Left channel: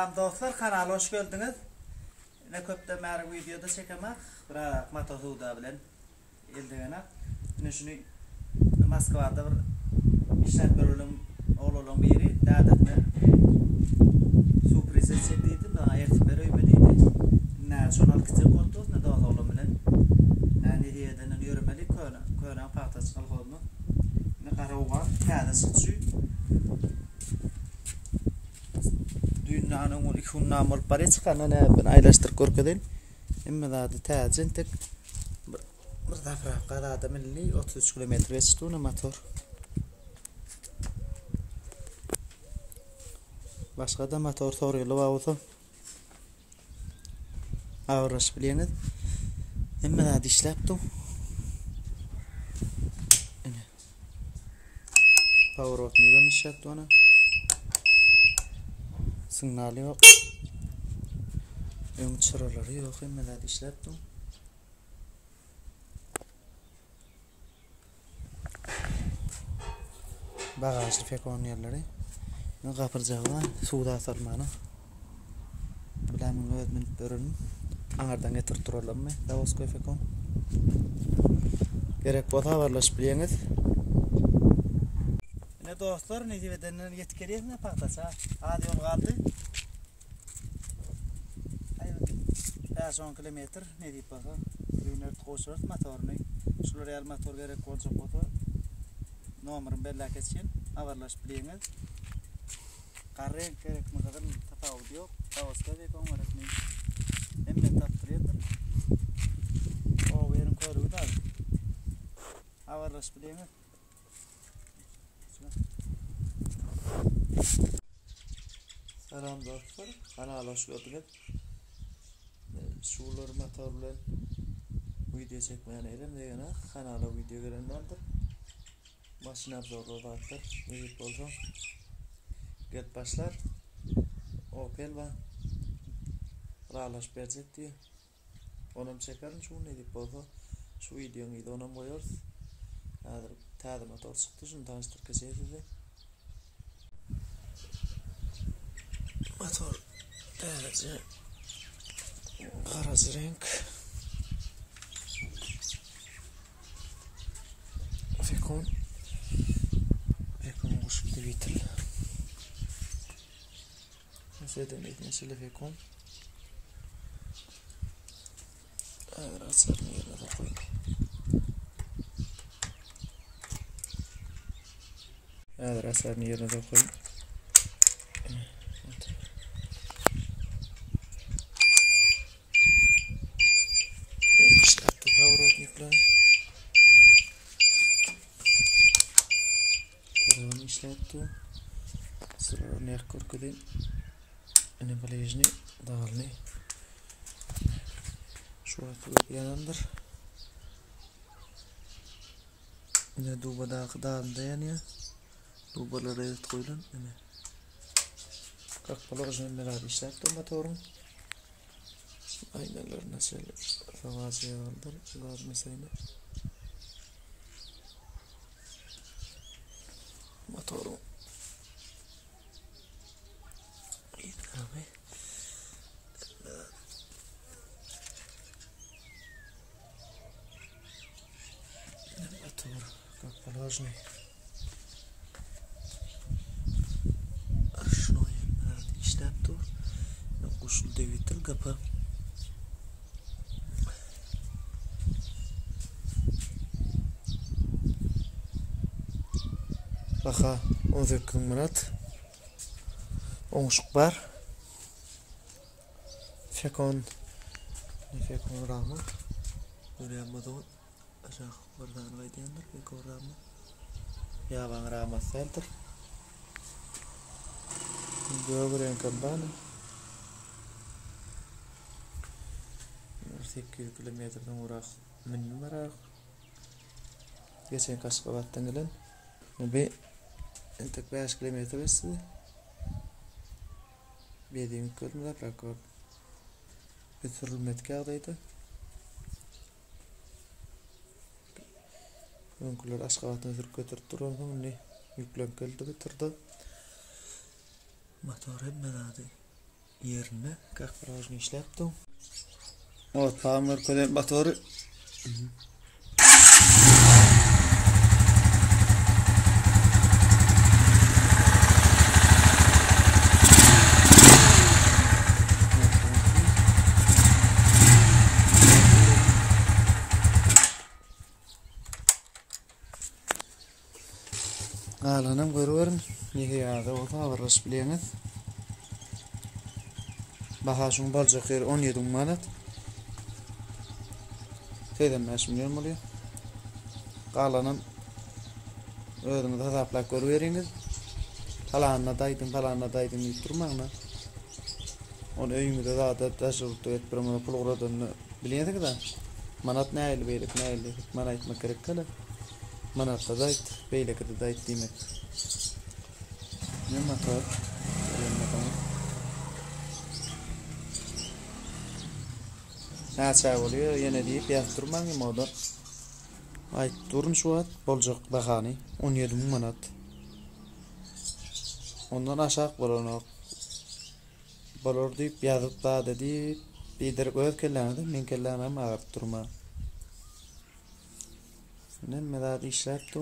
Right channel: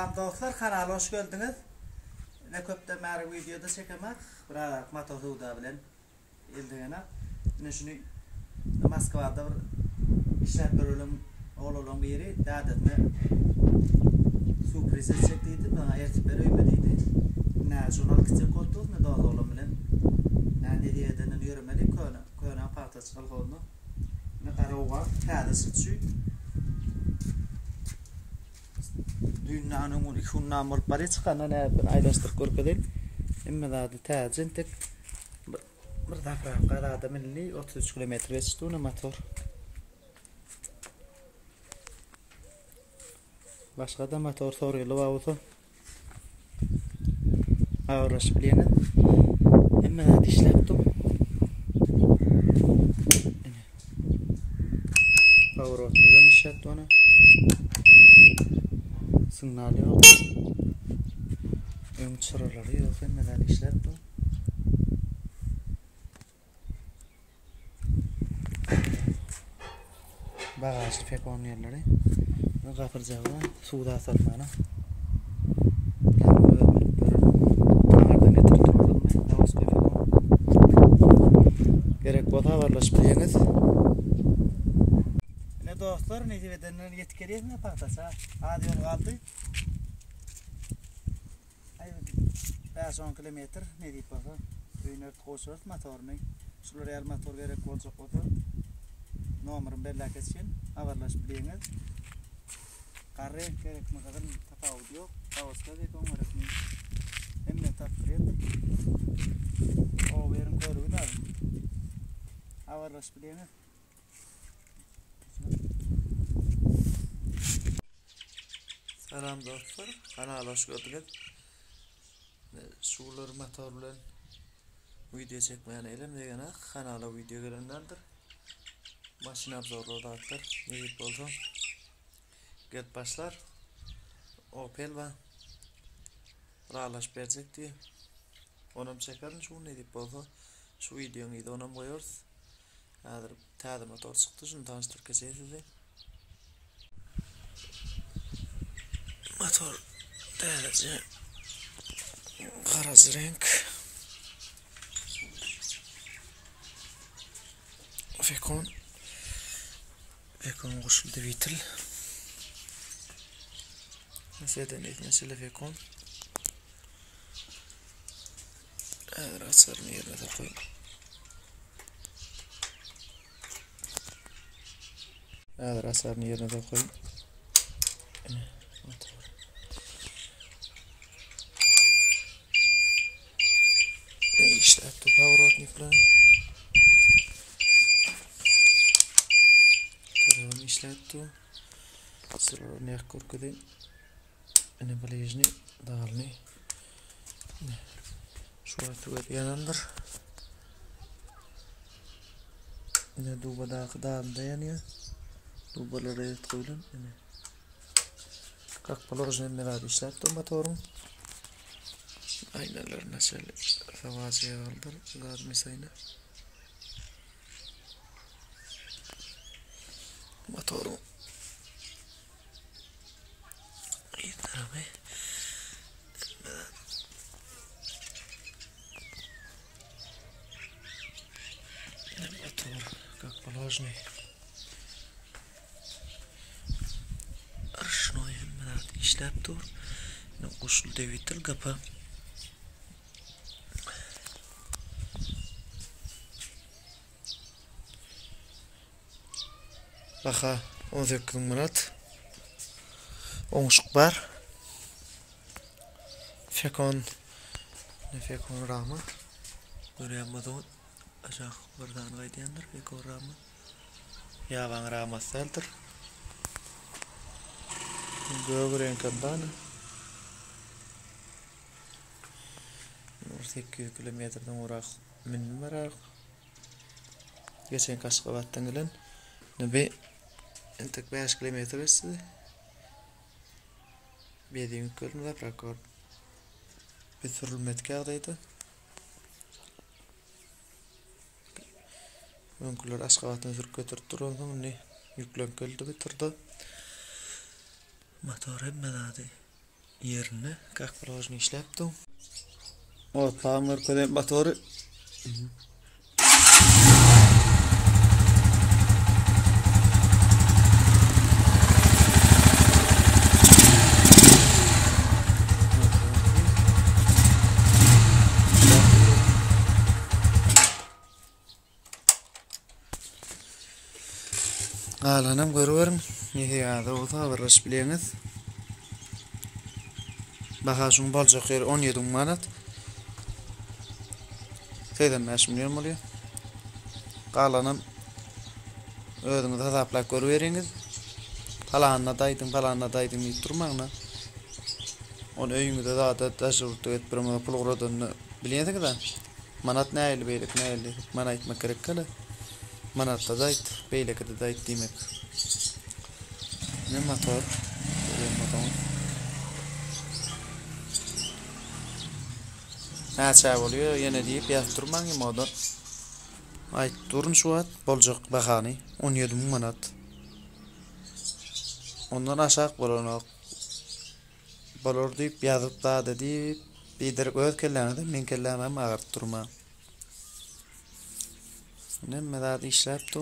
Salam dostlar, kanala hoş geldiniz. Ne köpte meri videoda çekemek. Bırak matosuda bilen eldigene. Ne şunu Moskvada bir işlep bölüm oğlum biri dadetne sürpriz çektiydi. Daha ertipler öymediydi. Ne şonal kitap kortuz ne daha oğlum bilen. Ne diyeden yürümeli köne parta çıkalım. Ne karoğa kada sıçı. Dünyanın ilk namur bari çıkanı ben aylaştır korkadın. Ama da tacın tek bir defa kadar da milli 33 kilometre geçtiğine motor. Başka da motor soruyorlar avto. Ağırlaş bilene. Ama da işleptim. Power out niye işlepti ona? Signali yok. Ön sıraları yok. Ama da işleptim. Bagajı pek on yerleri. Ne kapıracağım suda atarmana. Yani kanardan getirip duralım mı? Davos pek on. Gerek bota varlaş bileniz. Ne dostlar ne diyedenler yetkiliyiz ne pahtasa. Hadi yol kaldı. 5-10 kilometre ne deyip basa. Ünert koşuyoruz motorunu. Şular el motor gerek olacak bota. Numarım belli keskin, haberlaş bileniz. Karren gerek mi kadar tafavut yok. Tavus'ta ve kon var resmi. Hemen taptırıyordum. O verin koyruğu da. Haberlaş bileniz. Selam dostlar, kanala hoş geldiniz. Şular motorlar video çekmeyen elim degene kanala video gelenlerdir. Maşin abzorladıktır. Neyip oldu? Get başlar. Opel ve Ralaş verecek diye. Onum çekerin şu neyip oldu? Şu videonun iyiydi onum koyuyoruz. Tadı motor çıktı. Şunu tanıştır keseydi. Motor derece karaz renk. Fekon kuşul devitil. Mesela fekon. Rasarını yerine de koyayım. Rasarını yerine de koyayım. İşlepti pоворotnikleri. Tarafını işlepti. Sıralarını yak korkudayım. Ne balajını dağılını. Şu atı yanandır. Ne duba dağıl dayanıyor. Dubaları evet koyulun. Kakpalı orijinal meladi işlepti motorun. Aynalarına şöyle savacıya aldır. Gaz mesayına. Motoru iyi tarafı. Motor как положено. Arşnoyum ben işlep dur. Ne kuşul devitil kapı. Baka 18 Murat. Onuşuk var. Fekon rama. Görüyamadım. Aşağı buradan kaydıyandır. Fekon rama. Yavan rama seldir. Göğüren kampana. 8 kilometreden uğrak minimum var. Geçen Kaşkabat'tan gelen. Nabi entek 5 kilometre size. Bediğin körün var rakor. Bir sürülmet kağıdaydı. Önkular Aşkabat'tan sürüp götürüp duralım. Yüklen geldi bitirdi. Motor hemmedadi. yerini kakplajını işlepdim. O tamir koyayım motoru. Alanım görüyorum. Nihayada o da varış bileniz. Bahasın bolacak yer 17 manat. Teyden 5 milyon oluyor. Qalanım ödünüz hesaplap görüveriniz. Falanla daydım deyip durmağına. Onu öyüngüde daha da taşırtı etpirmede pul uğradığını biliyorduk da. Manat neyli beylik neyli. Mana etmek gerek kala. Manatta dayt, beyleke de dayt demek. Ne motor? Görüyorum motoru. Ne çay oluyor? Yine deyip yaptırman ki moda. Ayt durun şu at. Bolcak bakani. 17 manat. Ondan aşağı bolanak. Bolor deyip yazıp da dedi. Bidir göz kellemedi. Men kellemem ağırt durma. Ne medad işlepti.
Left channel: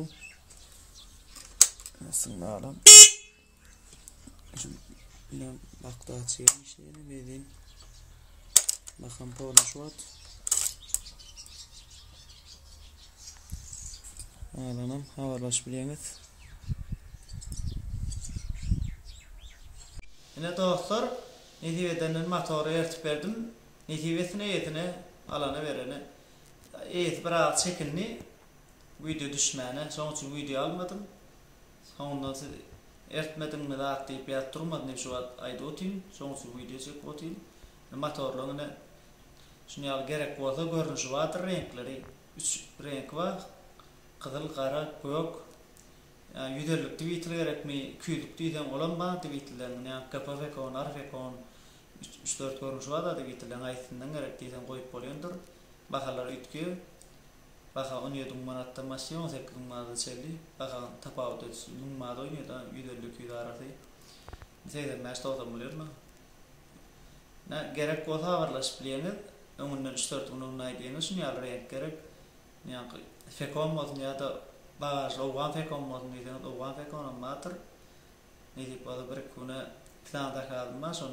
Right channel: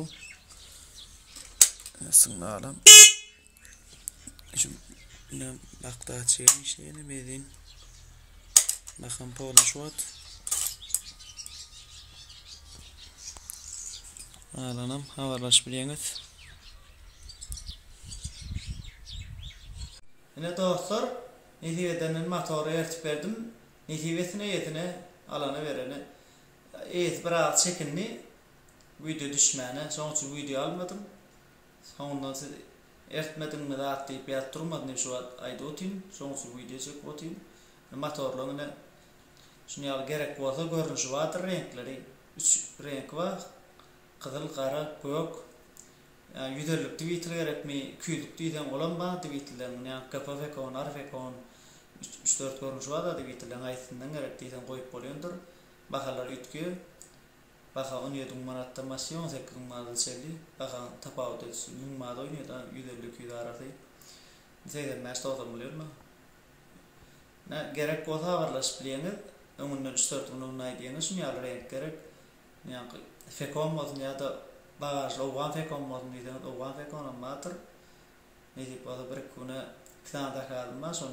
Sınma alam. Şu ne bakta açayım işleyeni medin. Bakın pola şu at. Alanım havalaş bileniz. Yine dostlar, netivedenin motoru ertip verdim. Netivesine yetine alana verene. Biraz çekilni video düşmene. Son için video almadım. Sondan ertmedim mi de atlayıp yattırmadım. Şu an ayda otayım. Son için video çekip otayım. Motorlarına şunu gerek olsa görünüşü vardır renkleri. 3 renk var. Kızıl, kara, gök. Yani yüzerlik tweetleyerek mi, küylük diyden olan bana tweetleyen. Yani kapı fekon, ar fekon. 3-4 görünüşü var da tweetleyen. Ayetinden gerek diyden koyup oluyordur. Bakalar ütkü. Baka 17 manatta masyon 18 manada çeli. Baka tapavut etsin. Numada oynuyor da yüzerlik yüzü arası. Zeyden meşte otamılıyor mu? Gerek olsa varlaş bileniz. Önünden 3-4 günün aydiyeniz. Şunu yalı renk gerek. Yani fekon modun ya da bagajla oğan fekon modun diyden oğan fekon olmadır. Ne deyip o da bir küne kıtanda kalma son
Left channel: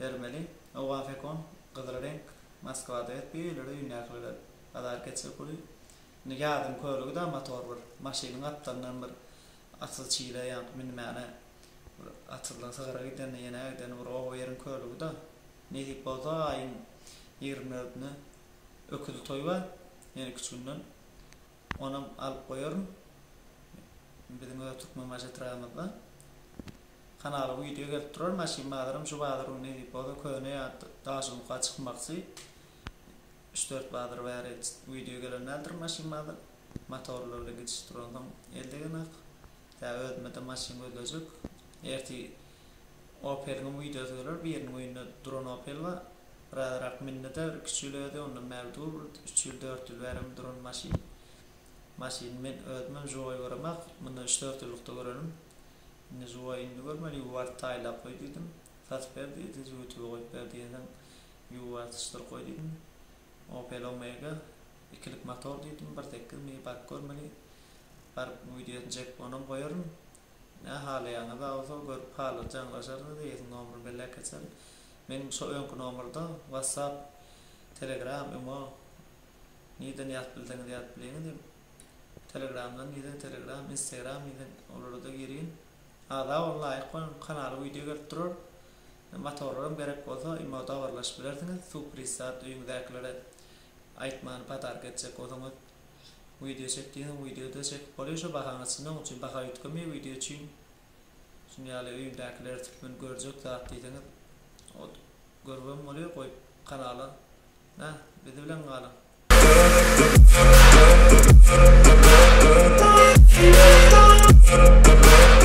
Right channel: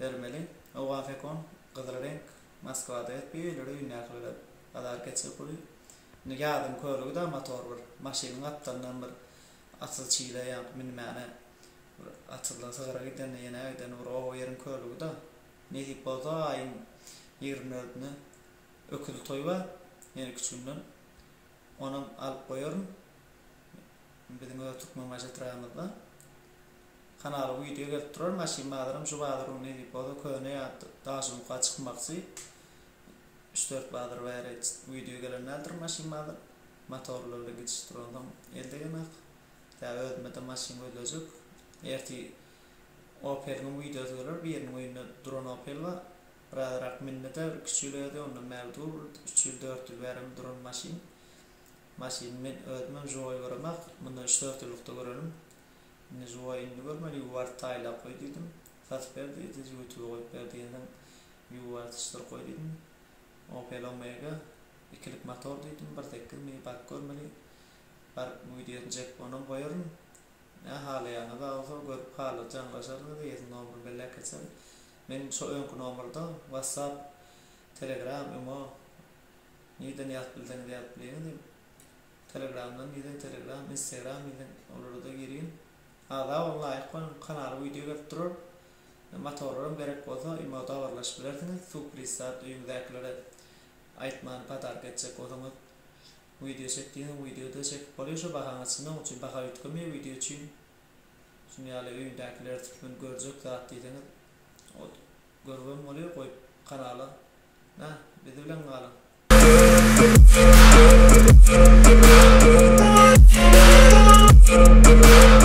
vermeli. Oğan fekon kızıl renk Moskva'da et bir öyle ünlü kadar geçse kuli. Yardım koyuluğu da motor var. Maşinin atlarından bir atıl çiğle yani minimane atırla sığıra giden yine giden o yerin koyuluğu da ne deyip o da ayın 24'üne öküldü toy var. Yani küçüğünden onu alıp koyuyorum. Bizim öyle tutma macetrağımızda. Kanalı video gelip durur. Maşin bağlarım şu bağlarım ne deyip o da köyüne daha sonra çıkmaksı. 3-4 bağdır var video gelenlerdir maşin bağlar. Motorlarla geçiştirildim. Elde yemek. Daha ödmede maşin ödülecek. Erti Opel'in videosu gelir. Bir yerin oyunda drone Opel var. Radarak minnede küçülüyordu. Onun mevdur 3-4 verim drone maşin. Maşin men ödmem joy varamak. Bunu 3-4 yıllıkta görelim. Joy indi görmeli. Yuvar tayla koydum. Fat verdi. YouTube'a koyup verdiğinden yuvar tıştır koydum. Opel Omega ikilik motor dedim. Bir tekir mi bak görmeli. Bir videoyu çekip onu koyuyorum. Hali yanı da olsa görüp halı canlaşardı da yetin nomuru belli geçer. Benim şu önkü nomurda WhatsApp, Telegram, Imo neden yapıldığını yapıldığını Telegram'dan neden Telegram, Instagram neden olur da gireyim. Hala vallahi kanalı video götürür. Motorlarım gerek olsa Imo'da varlaşabilirsiniz. Sürpriz saat uyumdakilere aytmanı patar geçecek o zaman video çektiğini videoda çekip oluyorsa bakanısından için baka yütkemiyor video için. Şimdi yani uyumdakiler tıkmen görecek dağıttığını o görmem oluyor koy kanala. Bir de bilen kalın.